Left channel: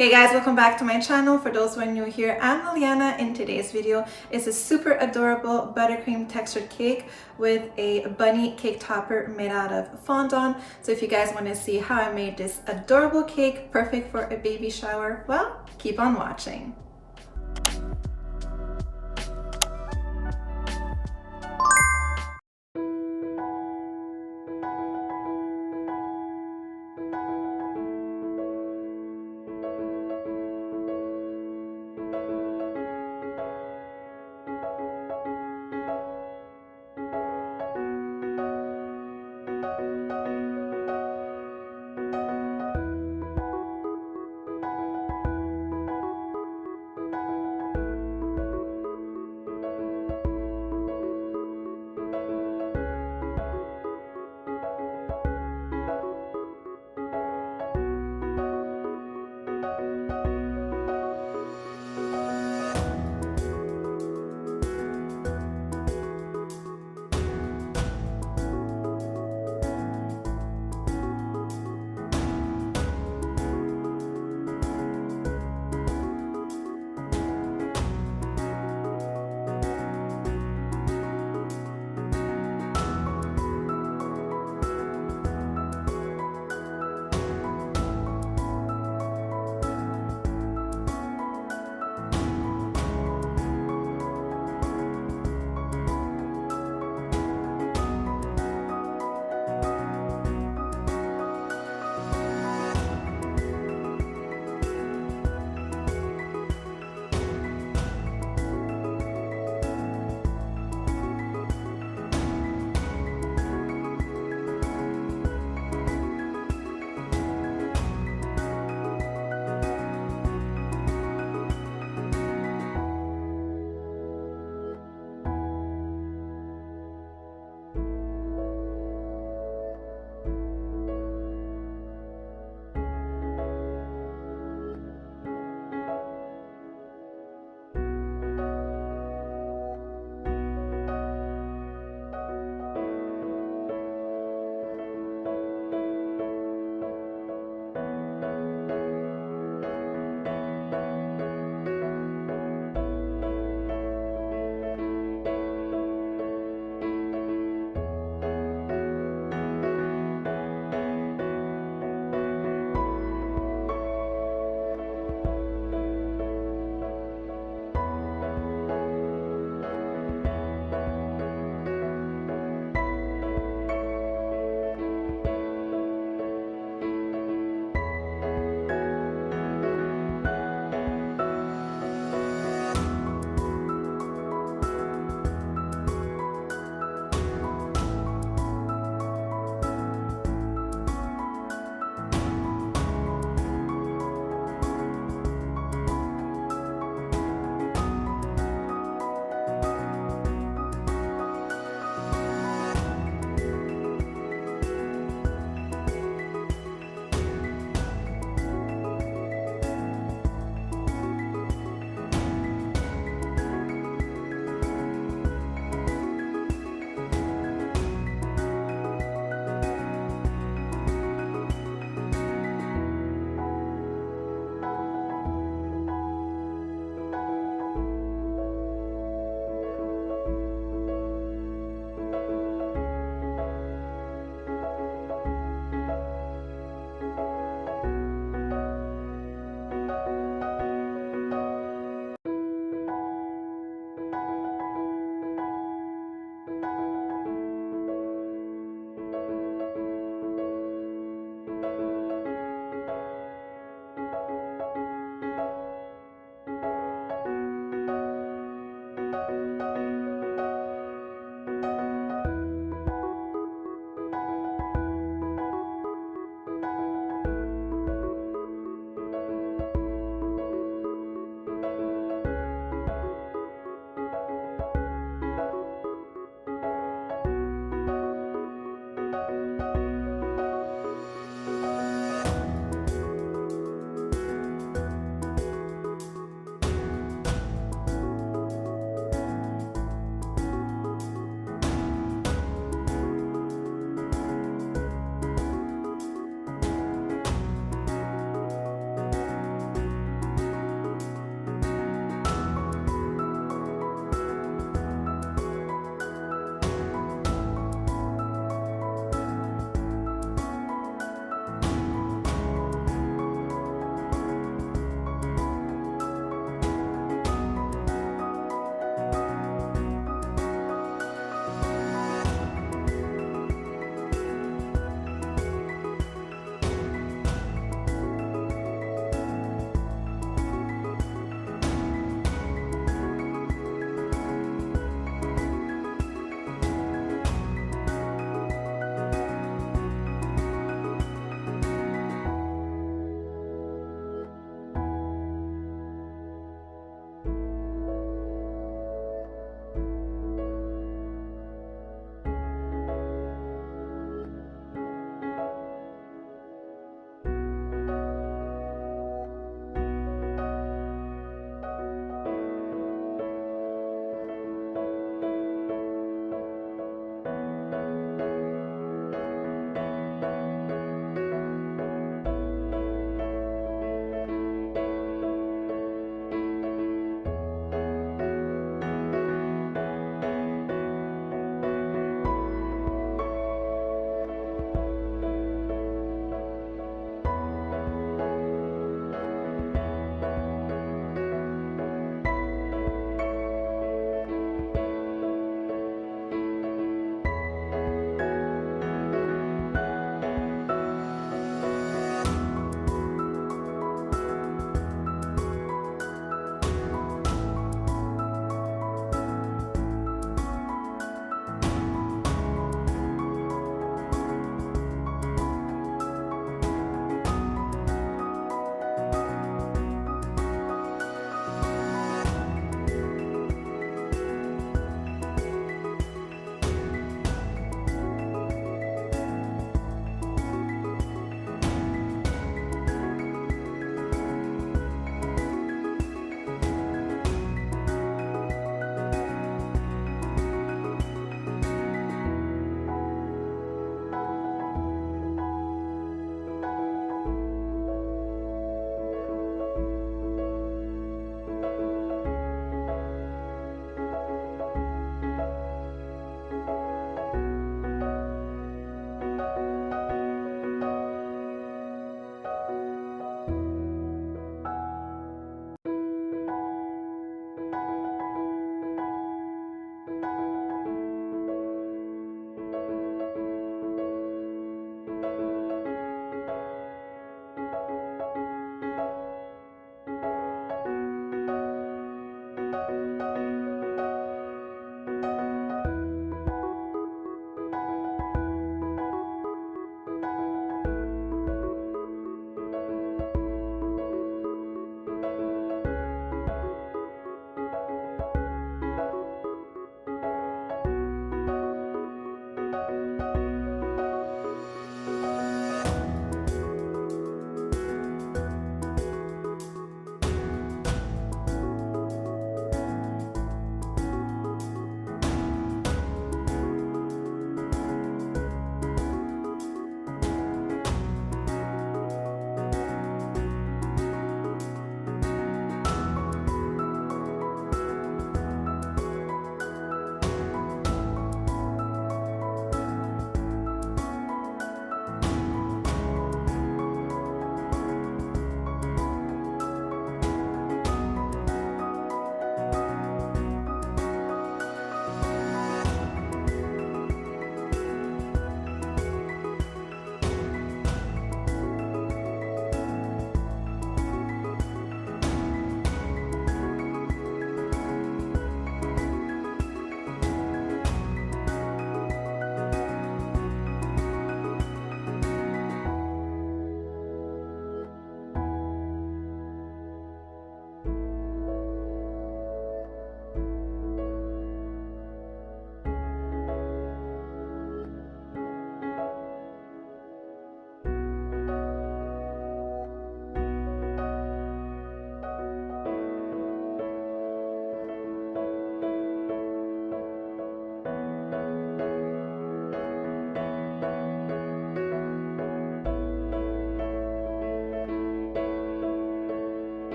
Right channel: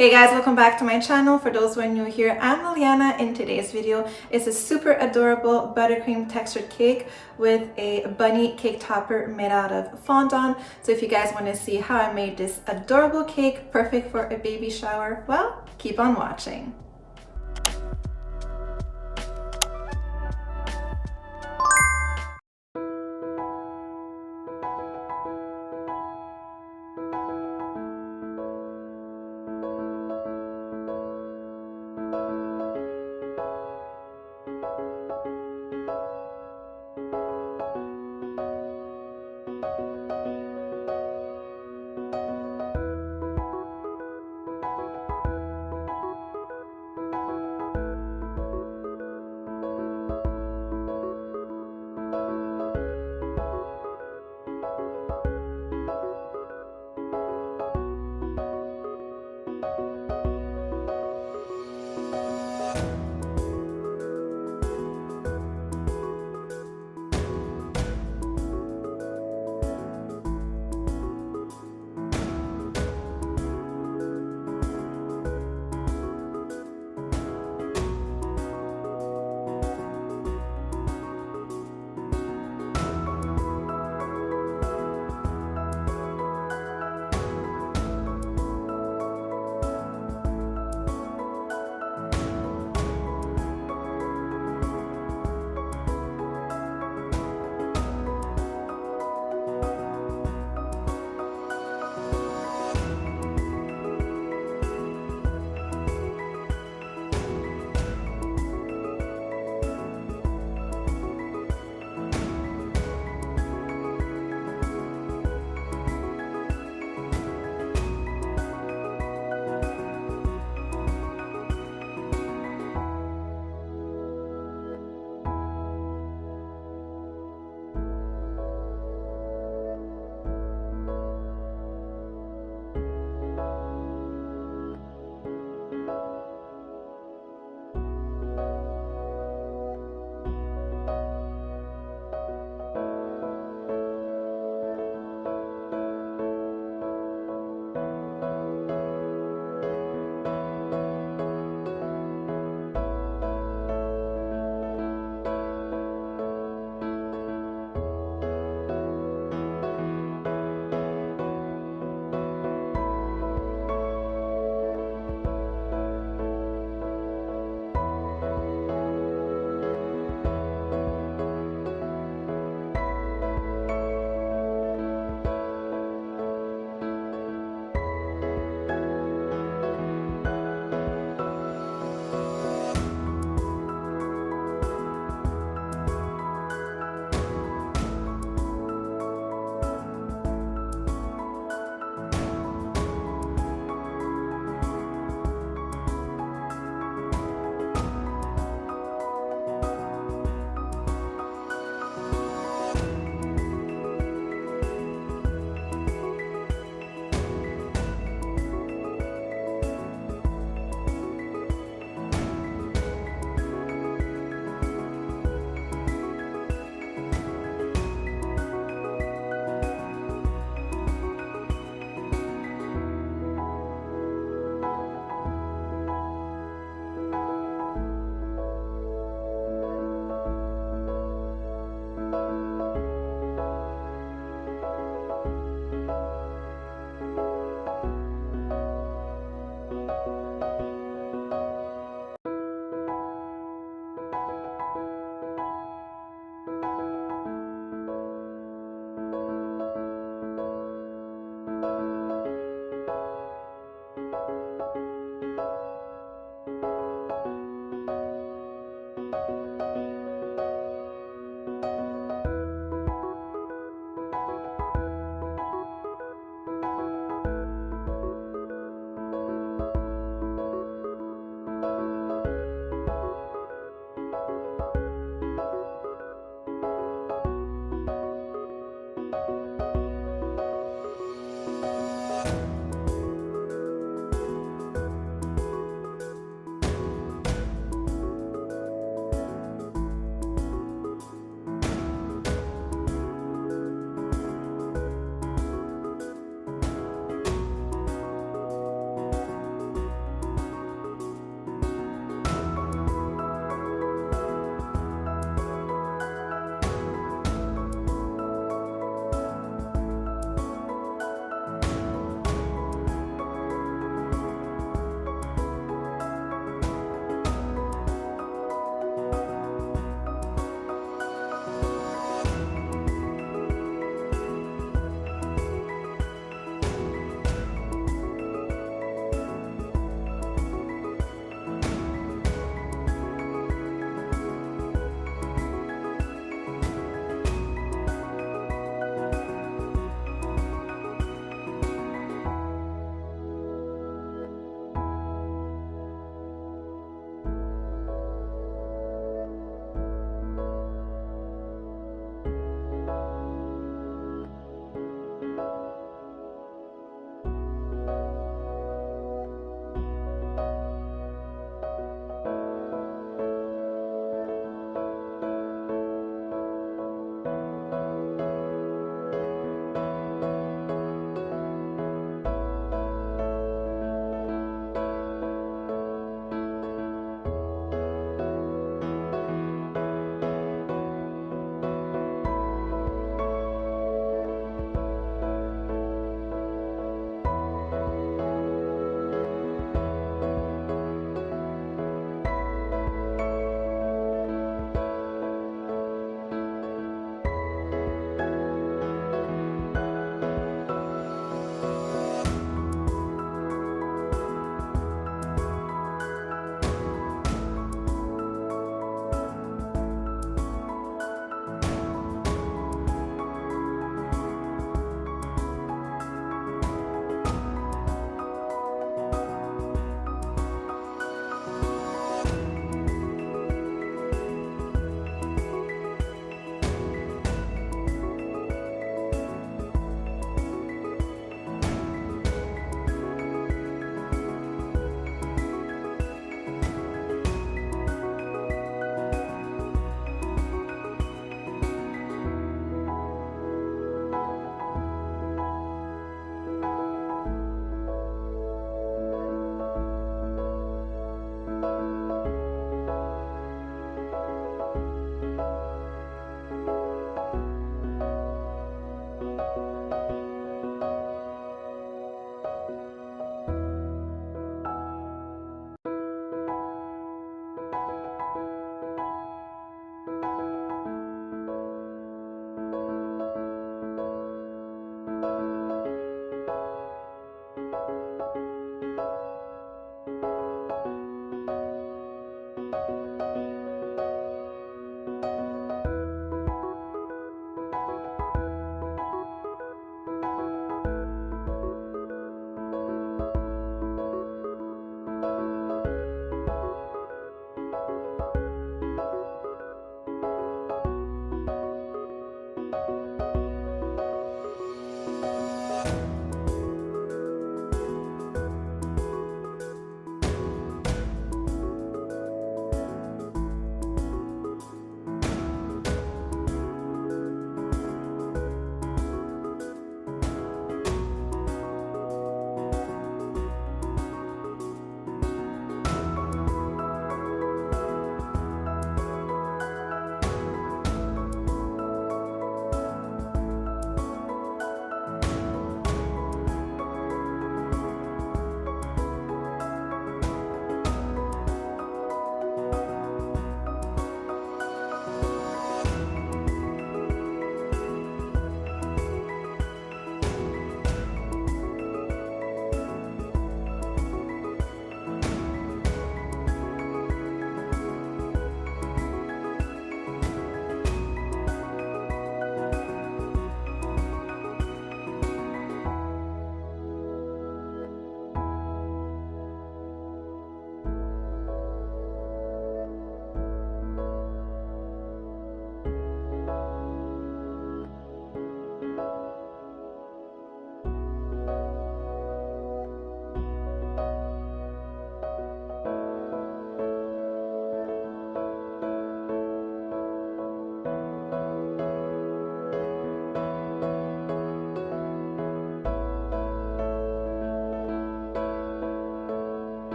Hey guys, welcome back to my channel. For those who are new here, I'm Liliana. In today's video is a super adorable buttercream textured cake with a bunny cake topper made out of fondant. So if you guys want to see how I made this adorable cake perfect for a baby shower, well, keep on watching.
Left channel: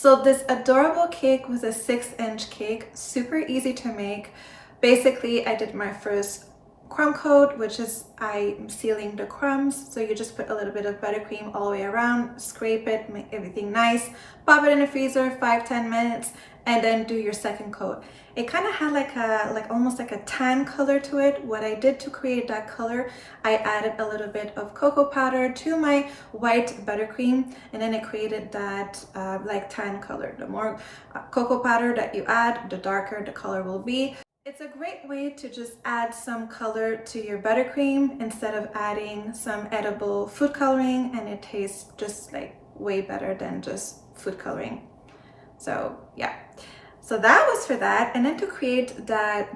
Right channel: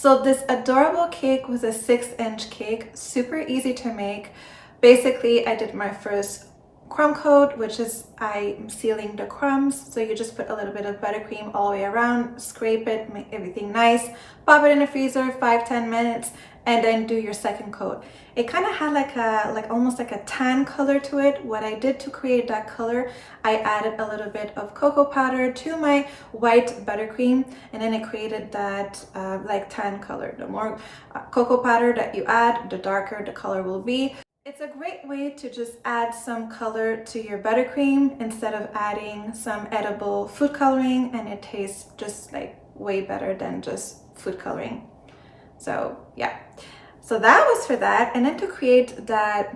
So this adorable cake was a 6-inch cake, super easy to make. Basically, I did my first crumb coat, which is I'm sealing the crumbs. So you just put a little bit of buttercream all the way around, scrape it, make everything nice, pop it in the freezer 5-10 minutes, and then do your second coat. It kind of had like almost like a tan color to it. What I did to create that color, I added a little bit of cocoa powder to my white buttercream, and then it created that like tan color. The more cocoa powder that you add, the darker the color will be. It's a great way to just add some color to your buttercream instead of adding some edible food coloring, and it tastes just like way better than just food coloring. So yeah, so that was for that. And then to create that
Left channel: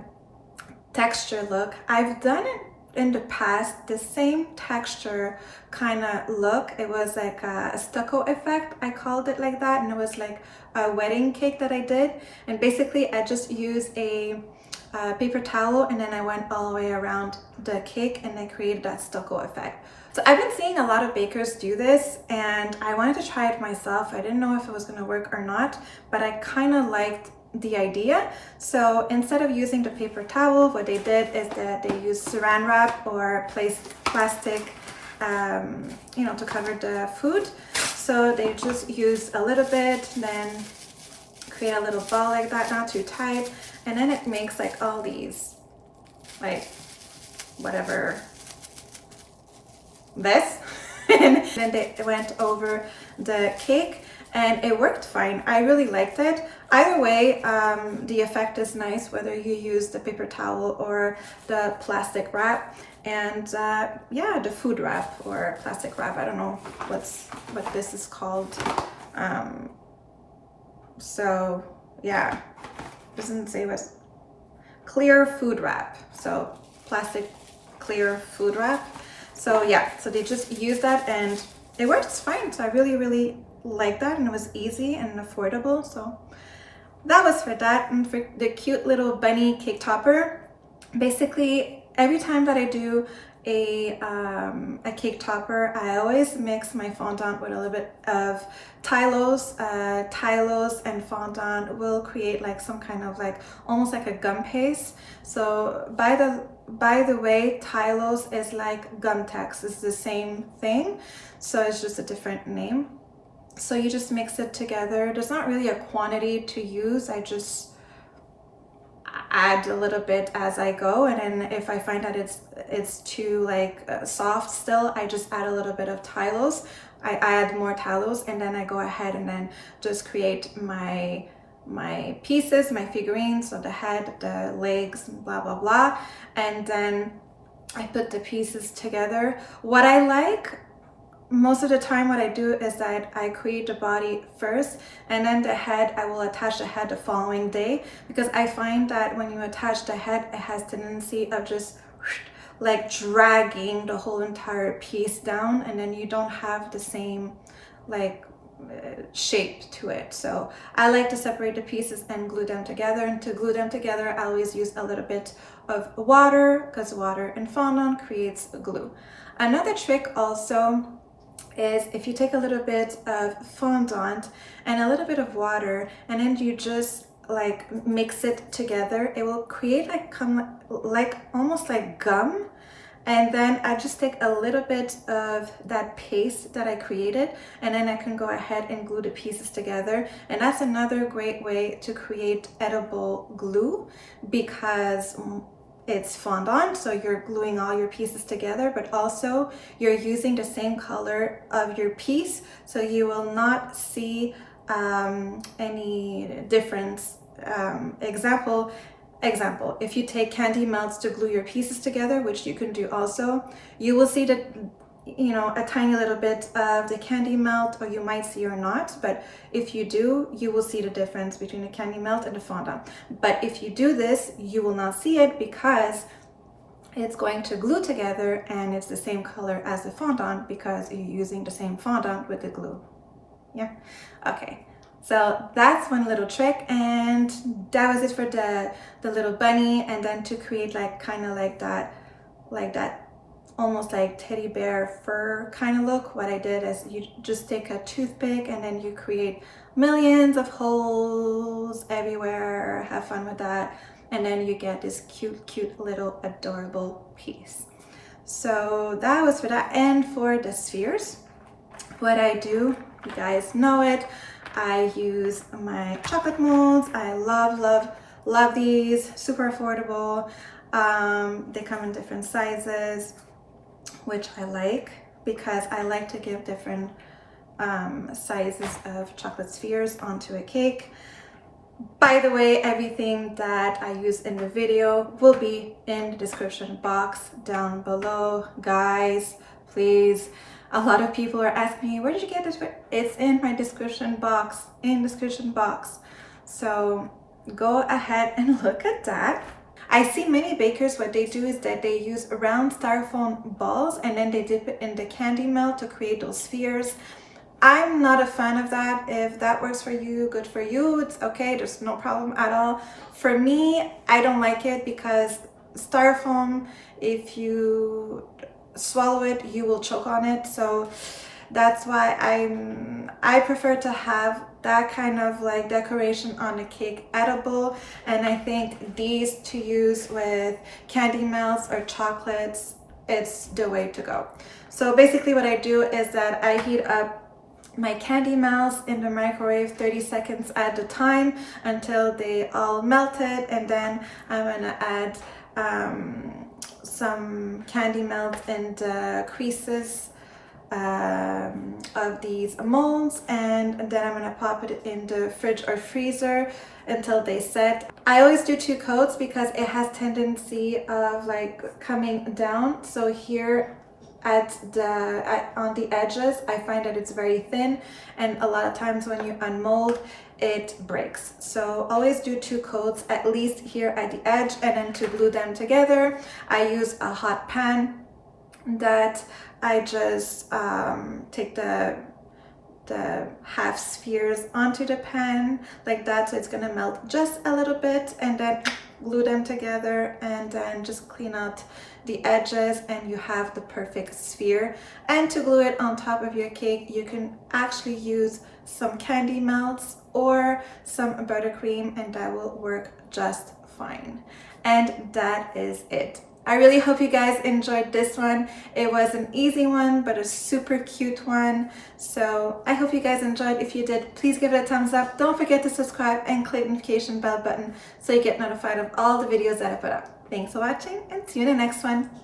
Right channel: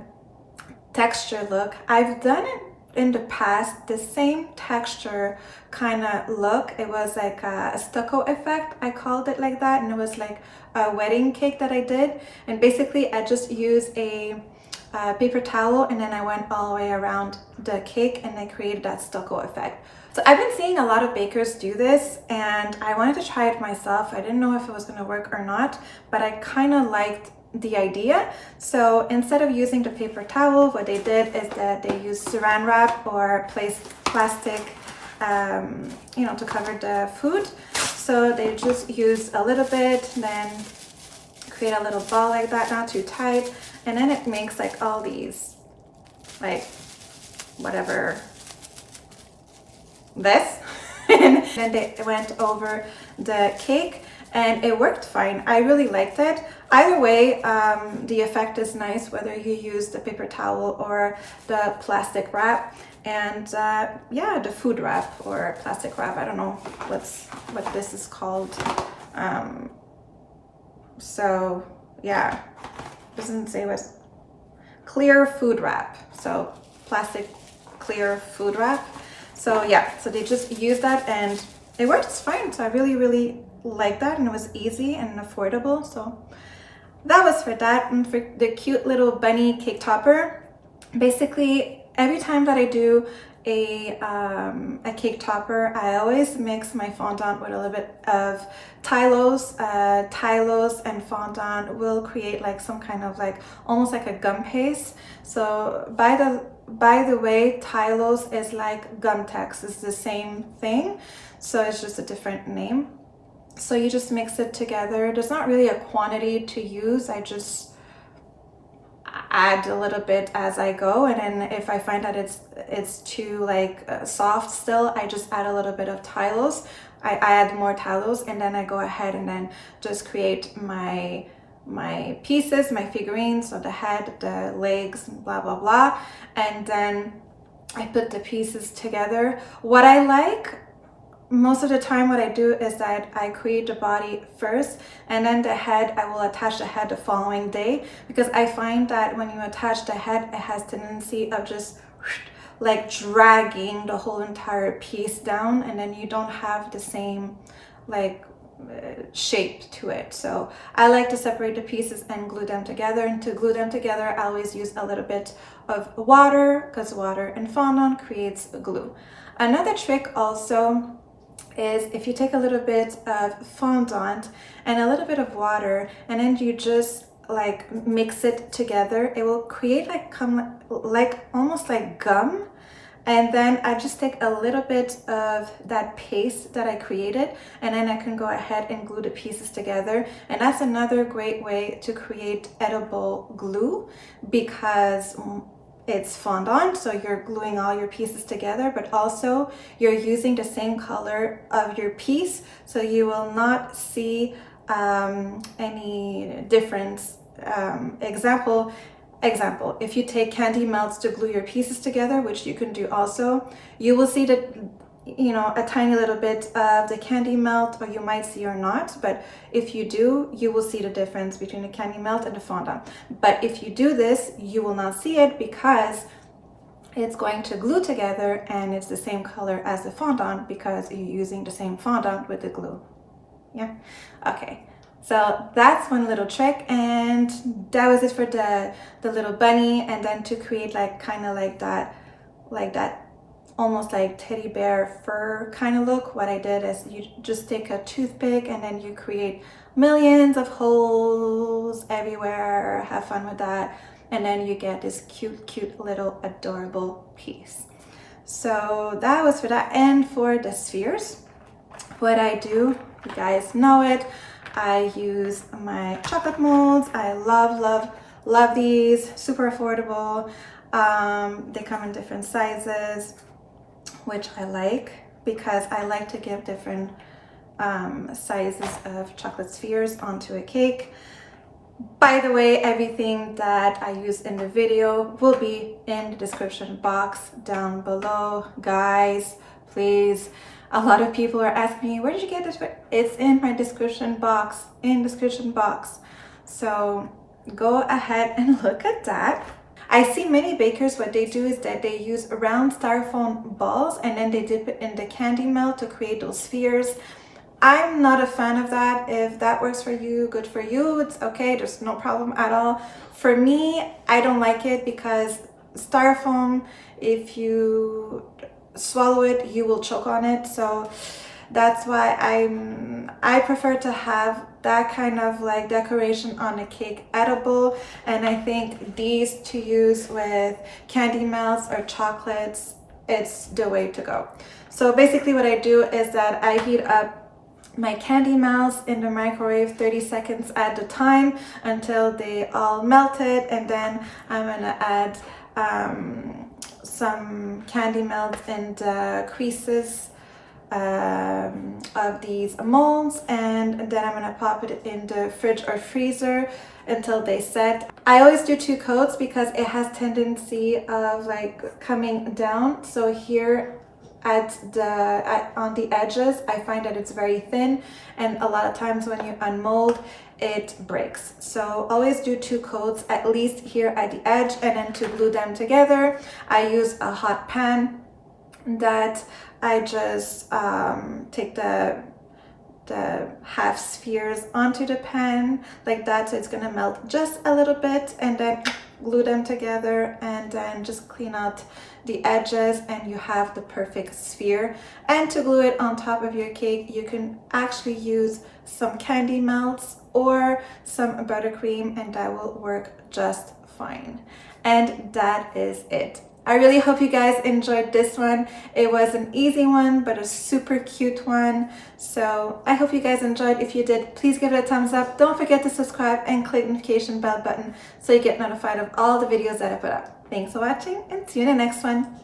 texture look, I've done it in the past, the same texture kind of look. It was like a stucco effect, I called it like that, and it was like a wedding cake that I did. And basically I just used a paper towel, and then I went all the way around the cake and I created that stucco effect. So I've been seeing a lot of bakers do this, and I wanted to try it myself. I didn't know if it was going to work or not, but I kind of liked the idea. So instead of using the paper towel, what they did is that they used saran wrap or plastic you know, to cover the food. So they just use a little bit, then create a little ball like that, not too tight, and then it makes like all these, like whatever, this, and then they went over the cake and it worked fine. I really liked it. Either way, the effect is nice whether you use the paper towel or the plastic wrap. And yeah, the food wrap or plastic wrap, I don't know what this is called. So yeah, doesn't say what. Clear food wrap, so plastic clear food wrap. So yeah, so they just use that and it works fine. So I really like that, and it was easy and affordable. So that was for that. And for the cute little bunny cake topper, basically every time that I do a cake topper, I always mix my fondant with a little bit of Tylose. Tylose and fondant will create like some kind of like almost like a gum paste. So by the way, Tylose is like Gumtex, it's the same thing, so it's just a different name. So you just mix it together. There's not really a quantity to use. I just add a little bit as I go, and then if I find that it's too like soft still, I just add a little bit of Tylose. I add more Tylose, and then I go ahead and then just create my pieces, my figurines, so the head, the legs, blah blah blah, and then I put the pieces together. What I like most of the time, what I do is that I create the body first, and then the head, I will attach the head the following day, because I find that when you attach the head, it has tendency of just like dragging the whole entire piece down, and then you don't have the same like shape to it. So I like to separate the pieces and glue them together, and to glue them together I always use a little bit of water, because water and fondant creates glue. Another trick also is if you take a little bit of fondant and a little bit of water, and then you just like mix it together, it will create like almost like gum. And then I just take a little bit of that paste that I created, and then I can go ahead and glue the pieces together. And that's another great way to create edible glue, because it's fondant, so you're gluing all your pieces together, but also you're using the same color of your piece, so you will not see any difference. Example, if you take candy melts to glue your pieces together, which you can do also, you will see that, you know, a tiny little bit of the candy melt, or you might see or not, but if you do, you will see the difference between the candy melt and the fondant. But if you do this, you will not see it, because it's going to glue together and it's the same color as the fondant, because you're using the same fondant with the glue. Yeah, okay. So that's one little trick, and that was it for the little bunny. And then to create like kind of like that almost like teddy bear fur kind of look, what I did is you just take a toothpick and then you create millions of holes everywhere. Have fun with that. And then you get this cute little adorable piece. So that was for that. And for the spheres, what I do, you guys know it, I use my chocolate molds. I love these, super affordable. They come in different sizes, which I like because I like to give different sizes of chocolate spheres onto a cake. By the way, everything that I use in the video will be in the description box down below. Guys, please, a lot of people are asking me, where did you get this? It's in my description box, So go ahead and look at that. I see many bakers, what they do is that they use round styrofoam balls and then they dip it in the candy melt to create those spheres. I'm not a fan of that. If that works for you, good for you. It's okay, there's no problem at all. For me, I don't like it because styrofoam, if you swallow it, you will choke on it. So that's why I prefer to have that kind of like decoration on a cake edible. And I think these to use with candy melts or chocolates, it's the way to go. So basically what I do is that I heat up my candy melts in the microwave 30 seconds at a time until they all melted, and then I'm gonna add some candy melts in the creases of these molds, and then I'm gonna pop it in the fridge or freezer until they set. I always do 2 coats because it has tendency of like coming down. So here on the edges, I find that it's very thin, and a lot of times when you unmold, it breaks. So always do 2 coats at least here at the edge, and then to glue them together, I use a hot pan that I just take the half spheres onto the pan like that, so it's gonna melt just a little bit, and then glue them together, and then just clean out the edges, and you have the perfect sphere. And to glue it on top of your cake, you can actually use some candy melts or some buttercream, and that will work just fine. And that is it. I really hope you guys enjoyed this one. It was an easy one, but a super cute one. So I hope you guys enjoyed. If you did, please give it a thumbs up. Don't forget to subscribe and click the notification bell button so you get notified of all the videos that I put up. Thanks for watching, and see you in the next one.